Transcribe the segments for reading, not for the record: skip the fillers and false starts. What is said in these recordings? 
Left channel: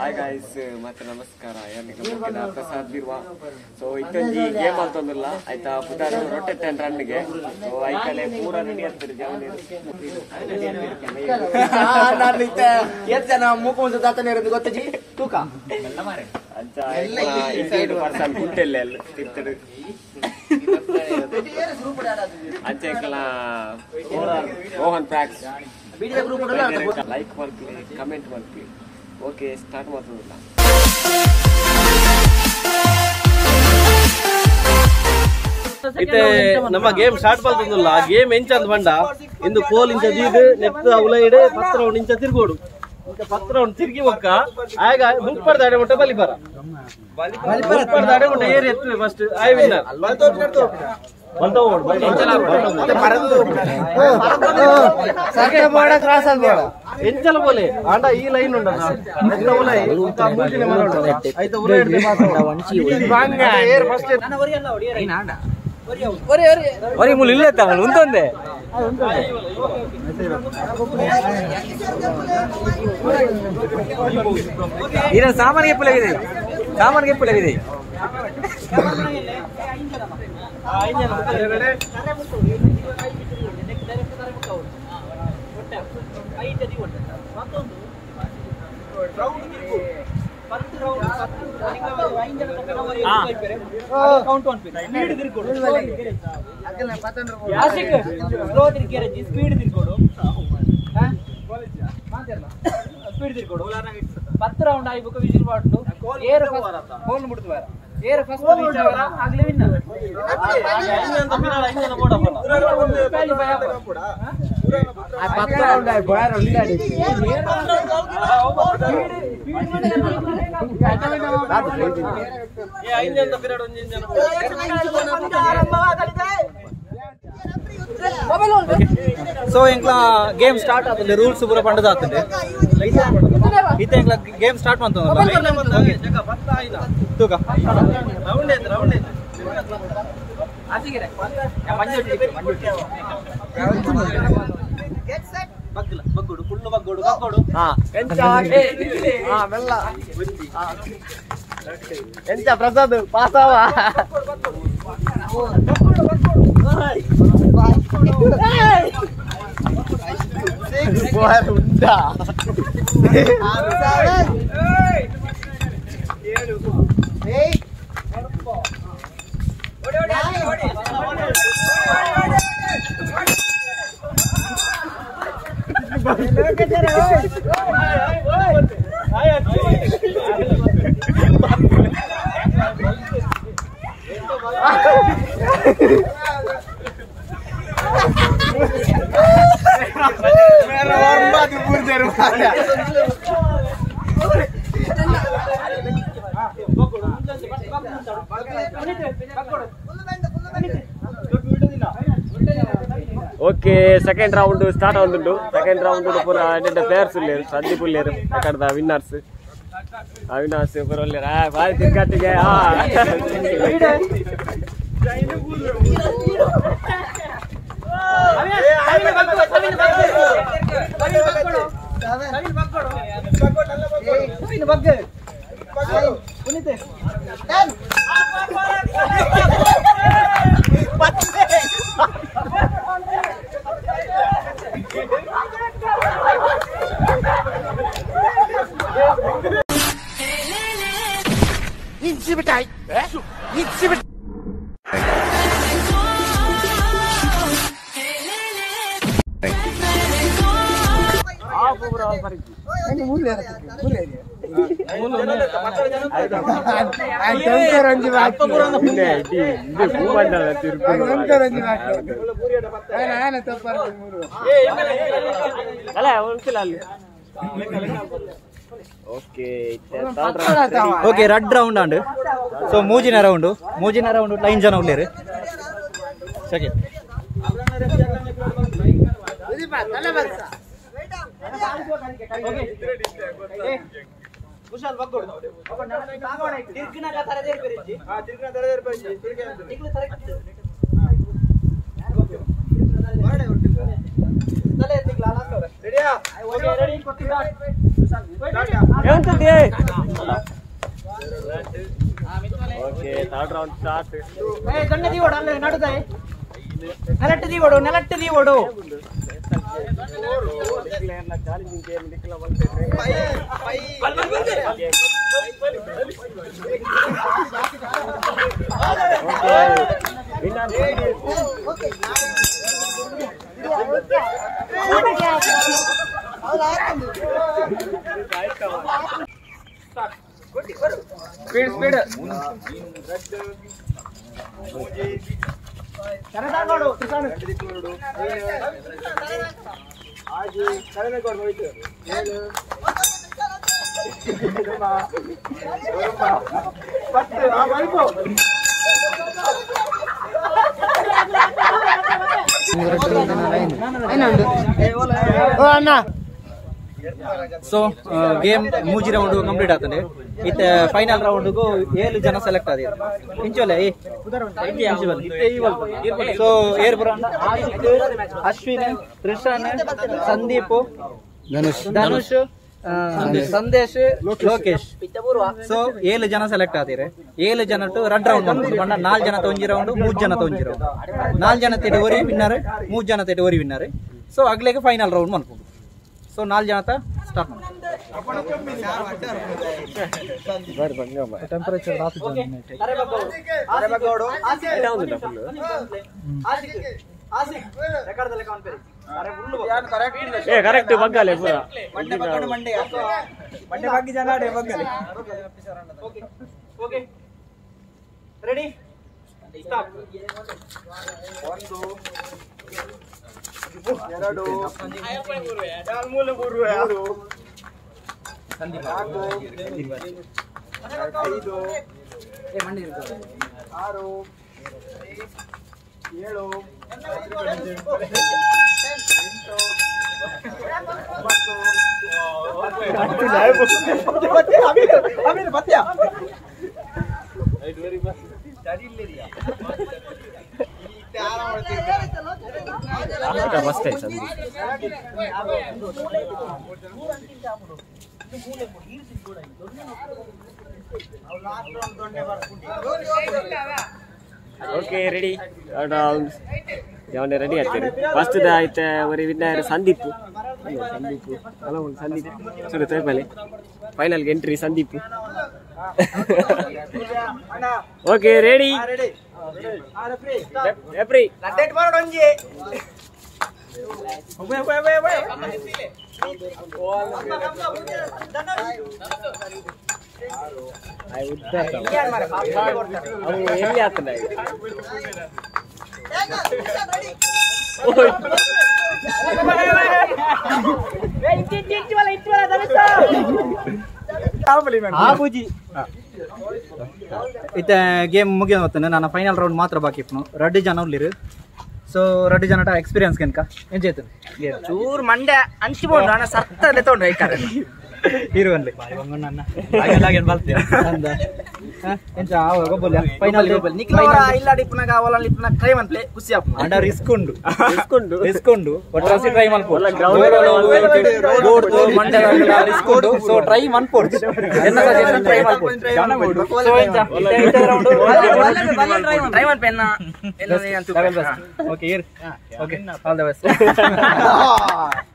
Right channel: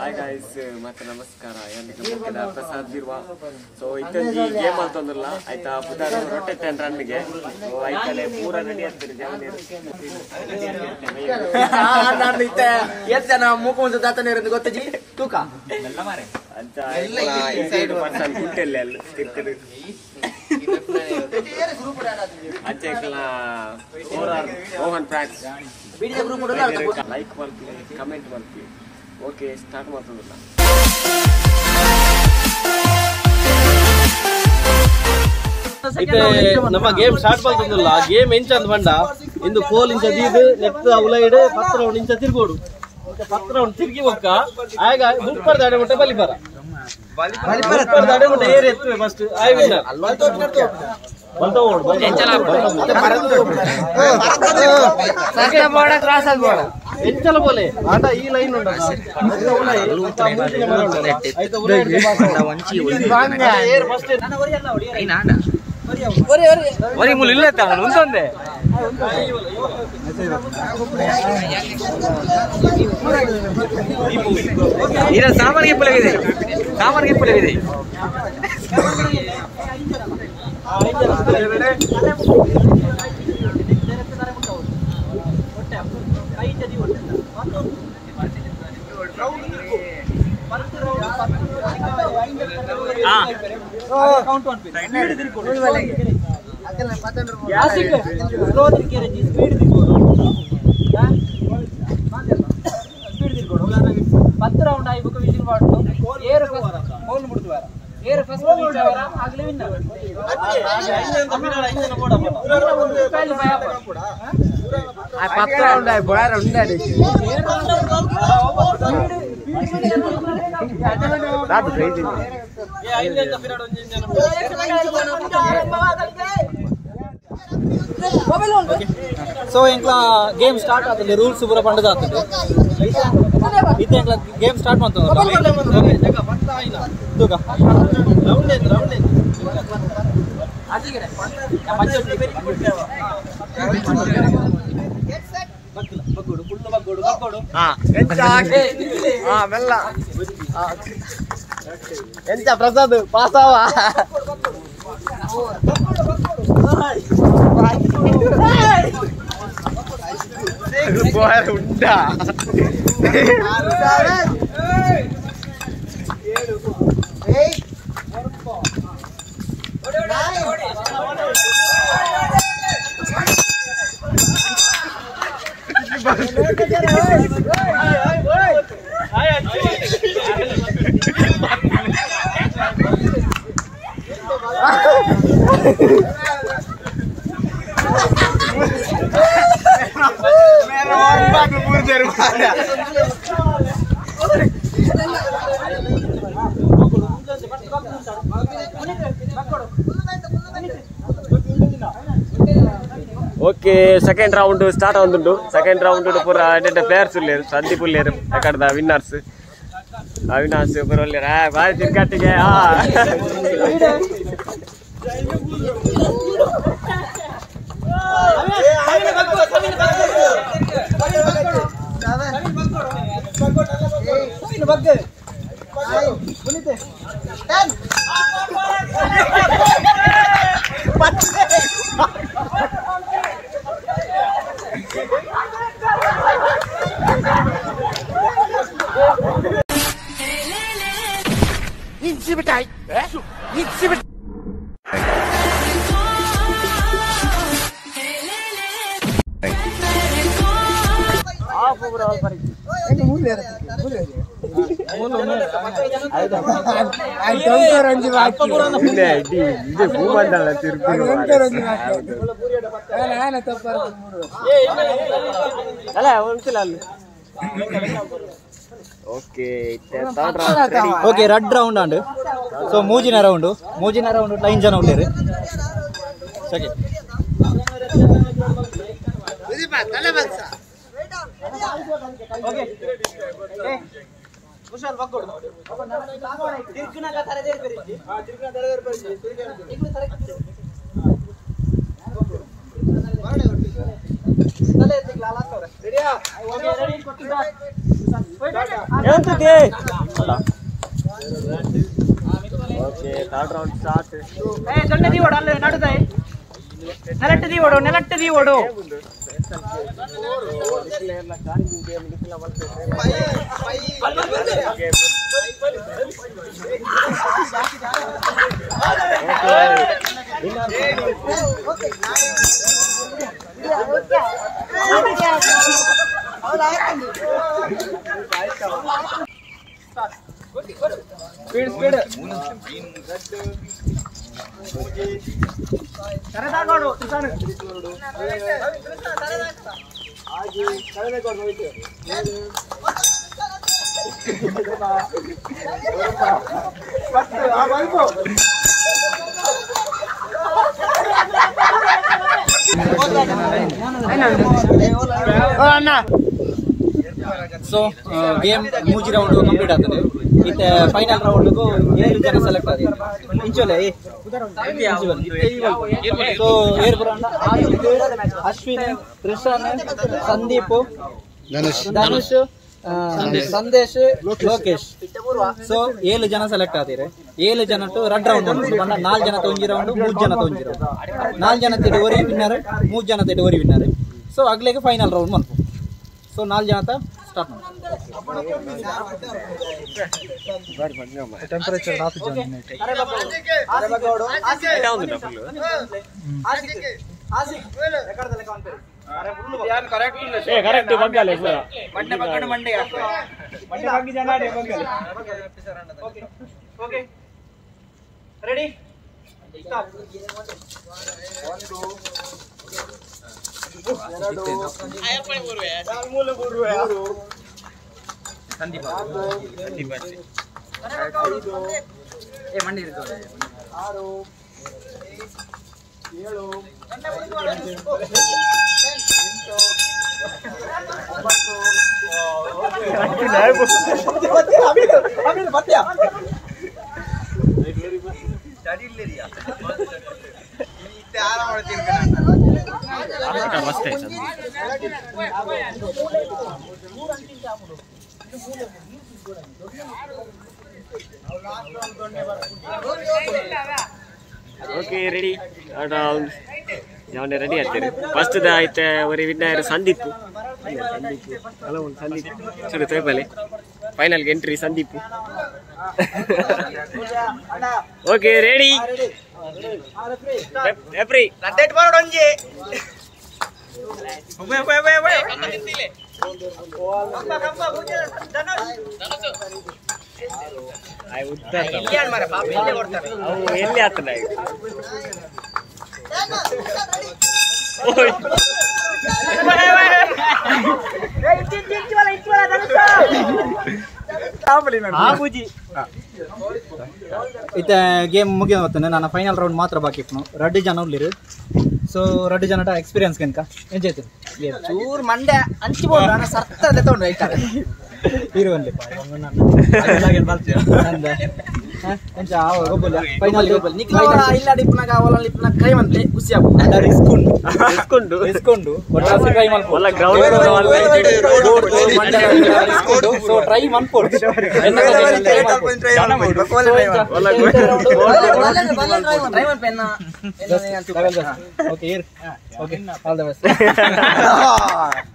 Hi guys ಮತ್ತೆ ನಮಸ್ಕಾರ ಯಾರಿಗೆ ಪ್ರಸಾದ್ ಬಿರ್ವಾ ಸೊ ಇತ್ತೊಂದು ಗೇಮ್ ಅಂತಂದಿಲ್ಲ ಆಯ್ತಾ ಪುತಾರ ರೊಟ್ಟೆ ತೇನ್ ರನ್ನಿಗೆ ಸೊ ಆಯ್ತಲೆ ಪೂರ ರೆಡಿ ಆಗ್ತಾರೆ ಜವನಿ ನಾನು ಇತ್ತೆ ಎಷ್ಟು ಜನ ಮೂಕೊಂದು ದಾತನೇ ಇರೋದು ಗೊತ್ತಜಿ ತೂಕ ಎಲ್ಲ ಮಾರೆ ಅಂತ ಈ ಸೈಡ್ ಪರ್ಸನ್ ಗುಟ್ಟೆಲ್ಲ ಎಲ್ಲ ತಿರ್ಕಡೆ ಅಂಚೆಕಲ ಮೋಹನ್ ಪ್ರಾಕ್ಸ್ ವಿಡಿಯೋ ಗ್ರೂಪ್ ಲೈಕ್ ಮಾಡ್ತೀವಿ ಕಮೆಂಟ್ ಮಾಡ್ತೀವಿ ಓಕೆ ಸ್ಟಾರ್ಟ್ ಮಾಡ್ತದಲ್ಲ ಇತ್ತೆ ನಮ್ಮ ಗೇಮ್ ಸ್ಟಾರ್ಟ್ ಮಾಡ್ತದಲ್ಲ ಗೇಮ್ ಎಂಚಂದ ಬಂಡ ಇಂದು ಕೋಲ್ ಇಂಚ ದೀದು ನೆಕ್ಸ್ಟ್ ಅವಲೈಡ್ 10 ರೌಂಡ್ ಇಂಚ ತಿರ್ಗೋಡು ಇಂಚ 10 ರೌಂಡ್ ತಿರ್ಗಿ ಒಕ್ಕ ಆಗ ಬುಪ್ಪರ್ ದಾಡೆ ಮುಟ್ಟ ಬಲಿಪರ ದಾಡೆ ಮುಟ್ಟ ಏರ್ ಎತ್ತುವೆ ಫಸ್ಟ್ ಐ ವಿನ್ನರ್ ಬಂತೋ ಓಡ್ ಎಂಚಲ ಬೋಲೆ ಆಟ ಈ ಲೈನ್ ಉಂಡ ನೆಕ್ಸ್ಟ್ ಅವಲೈ ಅಂತ ಮೂಚಿನ ಮರ ಉಂಡ ಐತ ಉಲೈ ವಂಚಿ ಏರ್ ಫಸ್ಟ್ మరి ముళ్ళు ఇల్లేస్తాను ఉంటుంది ఈయన సామాన్య పులవిది సామాన్య పులవిది ಪತ್ತು ರೌಂಡ್ ಆಗಿ ಬುಕ್ ವಿಜಿಲ್ ಮಾಡ್ತು ಏರ್ ಹೋಲ್ ಮುಡ್ತುವಾರ ಏರ್ ಫಸ್ಟ್ ವಿಚಾರ ಆಗ್ಲಿ ವಿನ್ನರ್ ಆ 10 ರೌಂಡ್ ಆಗಿ ಬಾರ ಉಂಡಾಡಿ ಸೊ ಇಂಕ್ಲ ಗೇಮ್ ಸ್ಟಾರ್ಟ್ ಆಗ್ತದೆ ರೂಲ್ಸ್ ಪೂರ ಪಂಡದ ಆಗ್ತದೆ ಇತ್ತೆ ಇಂಕ್ಲ ಗೇಮ್ ಸ್ಟಾರ್ಟ್ ಮಾಡ್ತದಲ್ಲ ತೂಕ ರೌಂಡ್ ಐತೆ ರೌಂಡ್ ಐತೆ ಬಗ್ಗಲ ಬಗ್ಗೋಡು ಫುಲ್ ಬಗ್ಗೋಡು ಬಗ್ಗೋಡು ಮೆಲ್ಲ ಎಂತ ಪ್ರಸಾದ್ ಪಾಸಾವ ಉಂಟಾ ఓకే సెకండ్ రౌండ్ స్టార్ట్ అవుతుండు సెకండ్ రౌండ్ పూర అంటే ప్లేయర్స్ లేరు సందీప్ లేరు అక్కడ విన్నర్స్ అవినాష్ పూర లేరు బాయ్ తిక్కటిగా okay red round and so ಮೂಜಿನ ರೌಂಡ್ ಲೈನ್ ಜನ ಉಳ್ಳೇರು second Okay, third round start. Speed. So game ಮೂಜಿ ರೌಂಡ್ ಕಂಪ್ಲೀಟ್ ಆಗ್ತದೆ ಇತ್ತೆ ಫೈನಲ್ ರೌಂಡ್ 7 ಜನ ಸೆಲೆಕ್ಟ್ ಆದ ಇಂಚೋಲೆ ಸೊ ಏರ್ ಬರೋಣ ಅಶ್ವಿನ್ ಕೃಷ್ಣನ್ ಸಂದೀಪ್ ಧನುಷ್ ಸಂದೇಶ್ ಲೋಕೇಶ್ ಸೊ 7 ಜನ ಸೆಲೆಕ್ಟ್ ಆದಿರೆ 7 ಜನ ರೆಡ್ ರೌಂಡ್ ಬಂದು ಬಂಡ 4 ಜನ ಒಂಜಿ ರೌಂಡ್ 3 ಜನ ಒಂಜಿ ರೌಂಡ್ 4 ಜನ ತೆಡಿ ಒರಿ ವಿನ್ನರ್ 3 ಜನ ತೆಡಿ ಒರಿ ವಿನ್ನರ್ ಸೊ ಅಗ್ಲೆಗೆ ಫೈನಲ್ ರೌಂಡ್ ಮನ್ಪು ಸೊ 4 ಜನ ಸ್ಟಾರ್ಟ್ ಮಾಡಿ ಟೆಂಪರೇಚರ್ ರಾತ್ ಜಾನ್ ಕರೆಕ್ಟ್ ಬಂಗಾಲೆ ಓಕೆ ರೆಡಿ ಮಂಡಿ ಇರ್ತದೆ 6 7 Okay, ready? Round. Jangan ready aja. First dah itu orang winner Sandeep. Kalau Sandeep, sudah tahu balik. Final entry Sandeep. Okay, ready? Referee. Lantai baru donje. I would tell you. Oh, ini apa nih? Oh. ಇತ್ತ game ಮುಗಿಯ ಹೊತ್ತನೆ ನಾನು final round ಮಾತ್ರ ಬಾಕಿ ಇಪ್ಪನು red ಜನ ಉಳ್ಳಿರು so red ಜನ experience ಕೆನ್ಕ ಎಂಜಾಯ್ತು ಚೂರ್ ಮಂಡ್ಯ ಹಂಚಿಬೋದು ನಾನು ಸರ್ತಲ್ಲೇ ತಗೊಂಡು ಐತಾರೆ ಇರುವಲ್ಲಿ ಎಂಚ ಫೈನಲ್ ಇಲ್ಲ ಡಿಪ್ನಾಗ ಅವಲ ಲಿಪ್ನ ಕ್ರೈ ಮಂತೆ ಖುಷಿ ಆಗ್ಬೋದು ರಿಸ್ಕೊಂಡು ಒಟ್ರಾಸಿ ಟ್ರೈ ಮಲ್ಪೋಡು ಮಂಡ್ಯ ರಿಸ್ಕೊಂಡು ಸೊ ಟ್ರೈ ಮನ್ಪೋಡು ಎನ್ನ ಸಜೆಷನ್ ಟ್ರೈ ಮಲ್ಪೋಡು ಸೊ ಎಂಚ ಟ್ರೈ ಮನ್ಪೆ ಎನ್ನ ಓಕೆ ಇರ್ okay all the best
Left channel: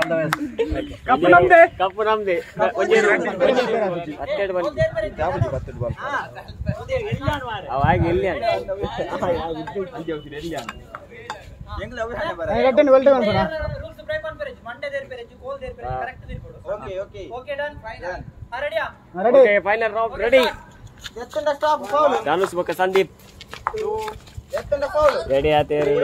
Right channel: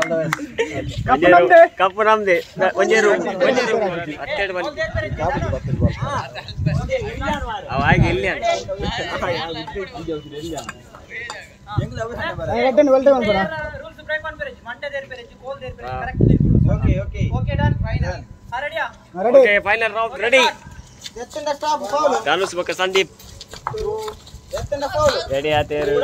all the best cup ನಮ್ದೆ ಒಂಜೇರು ಅತ್ತೆಡ್ ಬನ್ನಿ ಅವಾಗ ಎಲ್ಲಿ okay final round ready Dhanush ಬಕ್ಕ ಸಂದೀಪ್ ರೆಡಿ ಆತೇರು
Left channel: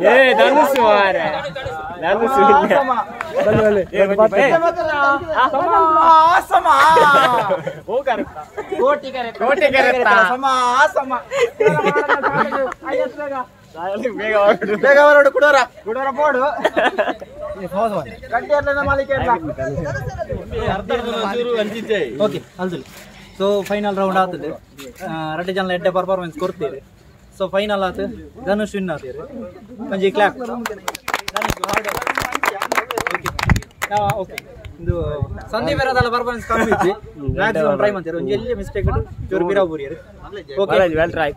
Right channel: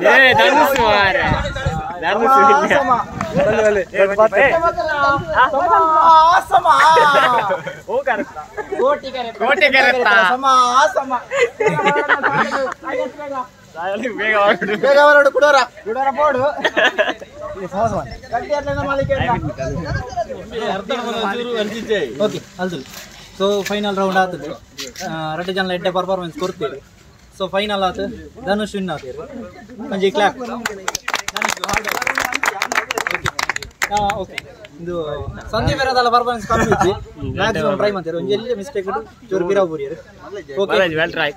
10 ಧನುಷ್ ಓಕೆ ಅಲ್ದಿಲ್ಲ. ಸೊ ಫೈನಲ್ ರೌಂಡ್ ಆಗ್ತದೆ, 2 ಜನ ಎಡ್ಡೆ ಪರ್ಫಾರ್ಮೆನ್ಸ್ ಕೊಡ್ತೀರಿ. ಸೊ ಫೈನಲ್ ಆತು ಧನುಷ್ ವಿನ್ ಆಗ್ತೀರಿ. ಒಂಜಿ ಕ್ಲಾಪ್ ಓಕೆ. ಇದು ಸಂದೀಪ್ ಇರೋದಲ್ಲ ಪರ್ಫಾರ್ಮೆನ್ಸ್ ಕಮ್ಮಿ ಇತ್ತು, ಮ್ಯಾಕ್ಸಿಮಮ್ ಟ್ರೈ ಮಾಡ್ತೀರಿ. ಒಂಜಿ ಎಲ್ಲಿ ಮಿಸ್ಟೇಕ್ ಇಟ್ಟು ಚೂರು ಬಿರಾ ಬೂರಿ. Okay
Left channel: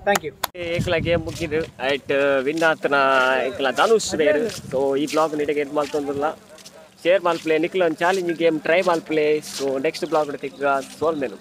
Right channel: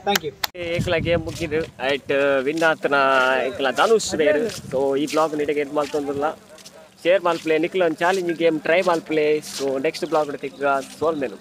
thank you. ಏಕಲ ಗೇಮ್ ಮುಗಿದು ಆಯ್ತು ವಿನ್ ಆತನ ಏಕಲ ಧನುಷ್ ಬೇರು. ಸೊ ಈ ಬ್ಲಾಗ್ ನೀಟಾಗಿ ಇದು ಮಾಡ್ತಂದಿಲ್ಲ, ಶೇರ್ ಮಾಲ್ ಪ್ಲೇ ನಿಕ್ಲ ಒಂದು ಚಾಲೆಂಜಿಂಗ್ ಗೇಮ್ ಟ್ರೈ ಮಾಲ್ ಪ್ಲೇ. ಸೊ ನೆಕ್ಸ್ಟ್ ಬ್ಲಾಗ್ ತೆಗ್ಗ ಸೋಲ್ ಮೇನು.